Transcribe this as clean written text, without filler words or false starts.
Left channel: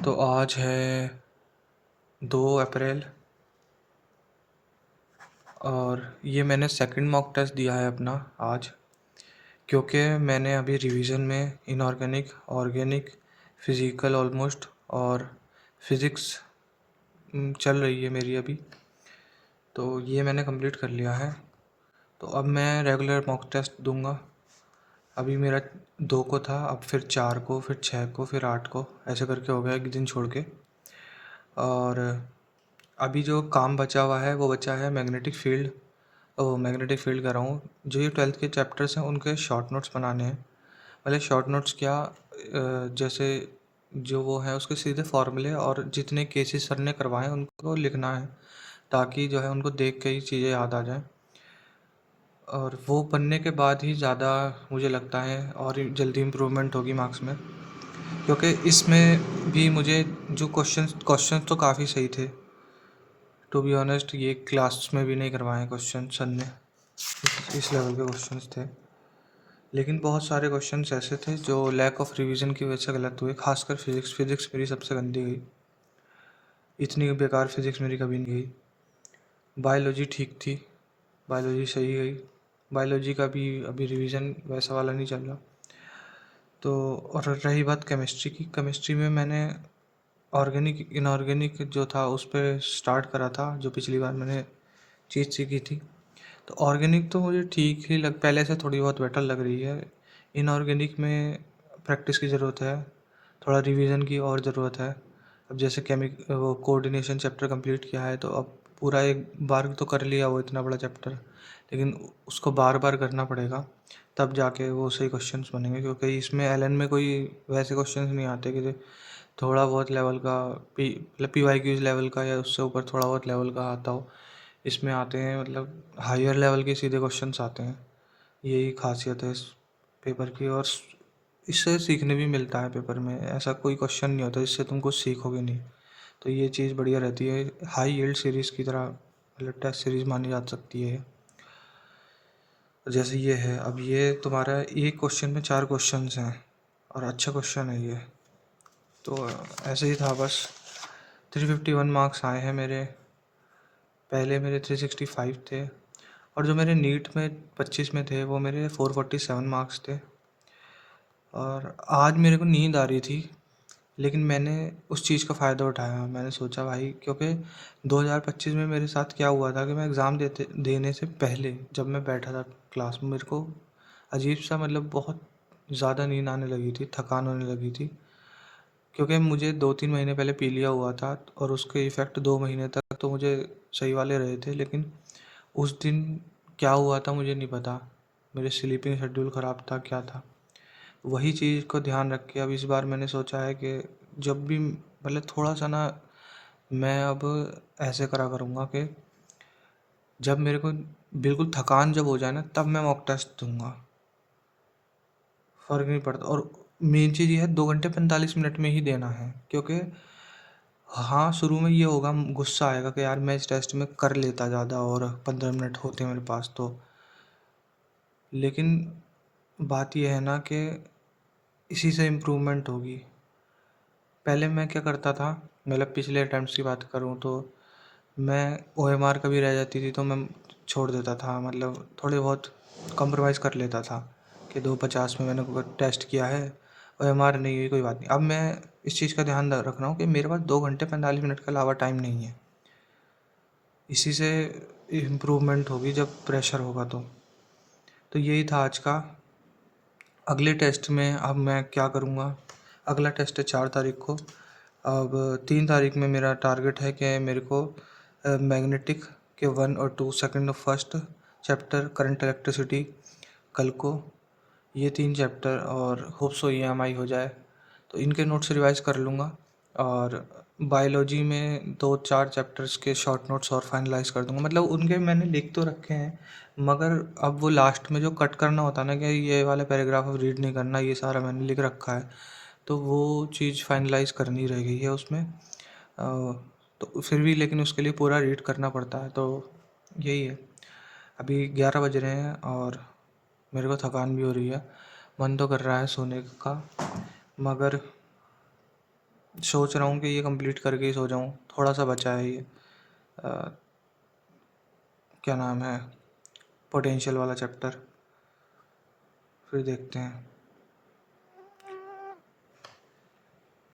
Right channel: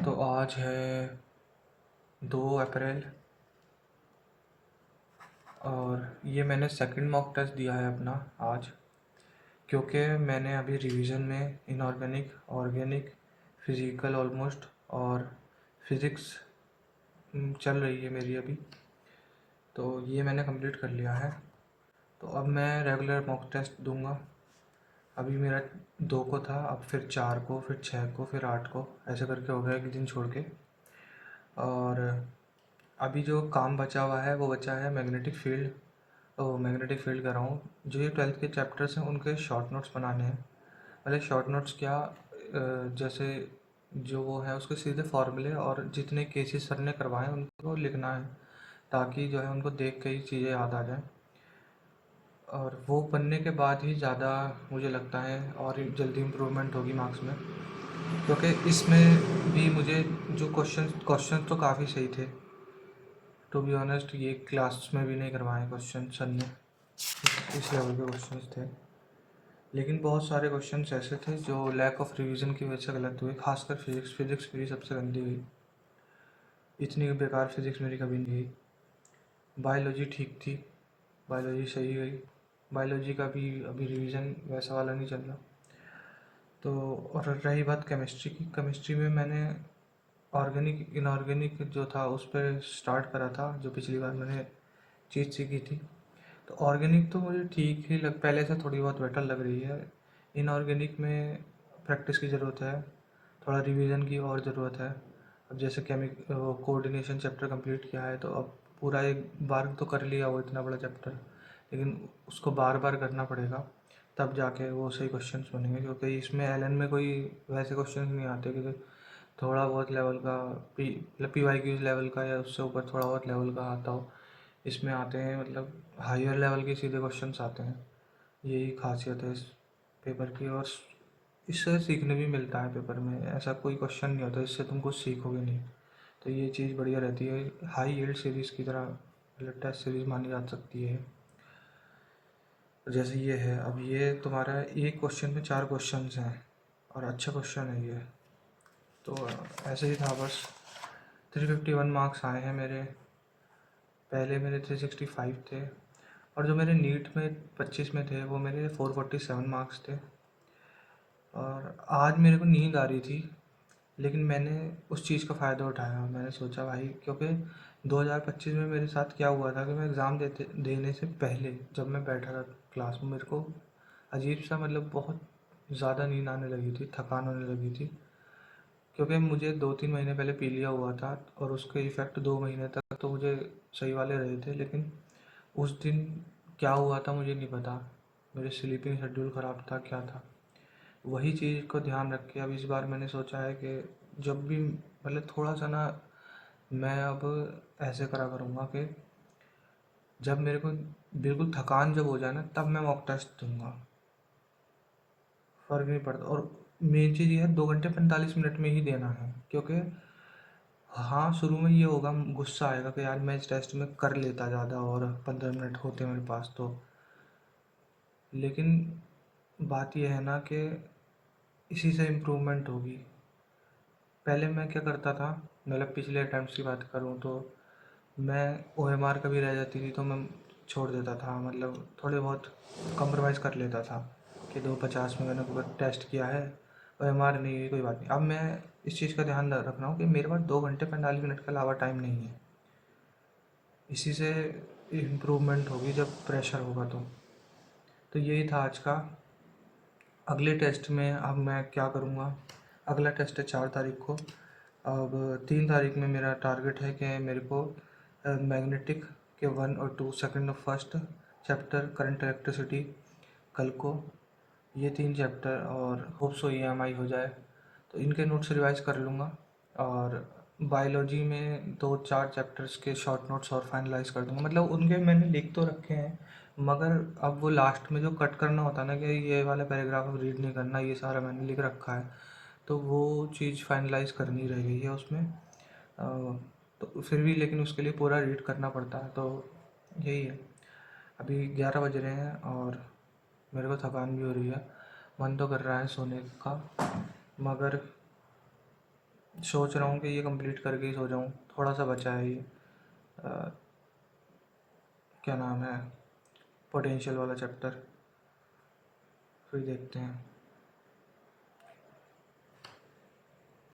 तो आज है 2 अप्रैल और ये मैंने सेकंड मॉक टेस्ट दिया है अपना आज, क्योंकि मैंने अभी रिवीजन में इनऑर्गेनिक, ऑर्गेनिक, फिज़िकल ऑलमोस्ट और फिज़िक्स चल रही है मेरी अभी। तो ये मैंने कंप्लीट कर लिया है। तो अब मैं रेगुलर मॉक टेस्ट दूंगा। अभी मेरा 2 को था, अब फिर 4 को, फिर 6 को, फिर 8 को, ऐसे करके हो गया एक दिन छोड़ के। और अभी जो काम बचा हुआ है वो बचा है मैग्नेटिक फील्ड। मैग्नेटिक फील्ड कर रहा हूँ। जो ये 12th के चैप्टर्स हैं उनके शॉर्ट नोट्स बनाने हैं। मतलब शॉर्ट नोट्स क्या, जैसे जो वो है उसके सीधे फॉर्मूले और जितने केसेस सर ने करवाए हैं उनको लिखना है, ताकि जो है उनको देख के ही चीज़ें याद आ जाएं। और वो पढ़ने के बाद ही ज़्यादा मुझे लगता है और जल्दी इम्प्रूवमेंट होगी मार्क्स में, क्योंकि इसमें भी मुझे जो क्वेश्चंस तो काफ़ी सही थे। टू बी ऑनेस्ट ये क्लास में भी नहीं करवाए क्वेश्चन सर ने, इस लेवल के क्वेश्चंस थे। लेकिन बहुत सारे क्वेश्चंस ऐसे थे जो लैक ऑफ रिवीजन की वजह से गलत हुए, खासकर फिज़िक्स मेरी सबसे गंदी गई। इतनी बेकार फिज़िक्स मेरी कभी नहीं गई। बायोलॉजी ठीक थी, बायोलॉजी सही गई। बायोलॉजी का भी अभी रिवीजन वैसा वाला नहीं चल रहा। तो और रही बात केमिस्ट्री की, केमिस्ट्री में मैंने ऑर्गेनिक इनऑर्गेनिक जो था उस पर स्टार्ट करा था, जो पिछली बार मैंने चीज़ सीखी थी। तो ऑर्गेनिक तो मुझे ठीक ही पहले से थोड़ी बहुत बेटर लग रही है। इनऑर्गेनिक में प्रैक्टिस की ज़रूरत है, थोड़ा रिवीजन की और ज़रूरत है। अब जैसे वो कोऑर्डिनेशन चैप्टर कंप्लीट किया है, तो अब पूरा एक बार तो कर लिया वो इतना बड़ा चैप्टर, लेकिन उसको बार बार करना पड़ेगा, तब जाके वो सही क्वेश्चंस बनेंगे। क्योंकि इसमें एलन में कोई वैसे क्वेश्चंस नहीं आते कि थोड़ा बहुत लेवल का मतलब PYQs लेवल का या उससे ऊपर थोड़ा बहुत लेवल का आता हो। इसमें आते हैं मतलब हायर लेवल के सीधे क्वेश्चंस आते हैं। यही खासियत है इस पेपर की। और इससे सीखने भी मिलता है पेपर में, ऐसा कोई क्वेश्चन नहीं होता जिससे तुम कुछ सीखोगे नहीं। तो ये चीज़ बढ़िया रहती है, हाई यील्ड सीरीज़ की तरह मतलब टेस्ट सीरीज़ मानी जा सकती है। जैसे ये है, अब ये तुम्हारा एक क्वेश्चन में 4 क्वेश्चंस हैं और अच्छा क्वेश्चन है ये। तो ऐसे ही था बस। 351 मार्क्स आए हैं मेरे, पहले मेरे 365 थे। और जो मेरे नीट में 25 में थे वो मेरे 447 मार्क्स थे। और आज मेरे को नींद आ रही थी, लेकिन मैंने उस चीज़ का फ़ायदा उठाया। मैंने सोचा भाई, क्योंकि 2025 में मेरे साथ क्या हुआ था कि मैं एग्ज़ाम देने से पहले जब मैं बैठा था क्लास में, मेरे को अजीब सा मतलब बहुत ज़्यादा नींद आने लगी थी, थकान होने लगी थी। क्योंकि मुझे 2-3 महीने पहले पी लिया हुआ था और उसके इफ़ेक्ट 2 महीने तक तो मुझे सही वाले रहे थे। लेकिन उस दिन क्या हुआ था मुझे नहीं पता, मेरे स्लीपिंग शेड्यूल ख़राब था, क्या था। वही चीज़ को ध्यान रख के अब इस बार मैंने सोचा है कि जब भी मतलब थोड़ा सा ना, मैं अब ऐसे करा करूँगा कि जब मेरे को बिल्कुल थकान जब हो जाए ना, तब मैं मॉक टेस्ट दूंगा। फ़र्क नहीं पड़ता। और मेन चीज़ ये है, 2 घंटे 45 मिनट में ही देना है। क्योंकि हाँ, शुरू में ये होगा, गुस्सा आएगा कि यार मैं इस टेस्ट में कर लेता ज़्यादा और 15 मिनट होते मेरे पास तो। लेकिन बात यह है ना कि इसी से इम्प्रूवमेंट होगी। पहले मैं क्या करता था, मतलब पिछले अटैम्प्ट्स की बात करूँ तो मैं OMR कभी रह जाती थी तो मैं छोड़ देता था, मतलब थोड़े बहुत कॉम्प्रोमाइज़ कर लेता था कि 250 में मैंने टेस्ट किया है, OMR नहीं हुई कोई बात नहीं। अब मैं इस चीज़ का ध्यान रख रहा हूँ कि मेरे पास 2 घंटे 45 मिनट के अलावा टाइम नहीं है। इसी से इम्प्रूवमेंट होगी जब प्रेशर होगा तो यही था आज का। अगले टेस्ट में अब मैं क्या करूँगा, अगला टेस्ट है 4 तारीख को। अब 3 तारीख में मेरा टारगेट है कि मेरे को मैग्नेटिक के 1 और 2 सेकंड और फर्स्ट चैप्टर, करंट इलेक्ट्रिसिटी कल को, ये 3 चैप्टर, और होप सो EMI हो जाए तो इनके नोट्स रिवाइज कर लूँगा। और बायोलॉजी में 2-4 चैप्टर्स के शॉर्ट नोट्स और फाइनलाइज कर दूँगा। मतलब उनके मैंने लिख तो रखे हैं, मगर अब वो लास्ट में जो कट करना होता है ना कि ये वाला पैराग्राफ अब रीड नहीं करना, ये सारा मैंने लिख रखा है, तो वो चीज़ फाइनलाइज करनी रह गई है उसमें। तो फिर भी लेकिन उसके लिए पूरा रीड करना पड़ता है। तो यही है। अभी 11 बज रहे हैं और मेरे को थकान भी हो रही है, मन तो कर रहा है सोने का, मगर सोच रहा हूँ कि ये कंप्लीट करके ही सो जाऊँ। थोड़ा सा बचा है ये, क्या नाम है, पोटेंशियल वाला चैप्टर। फिर देखते हैं।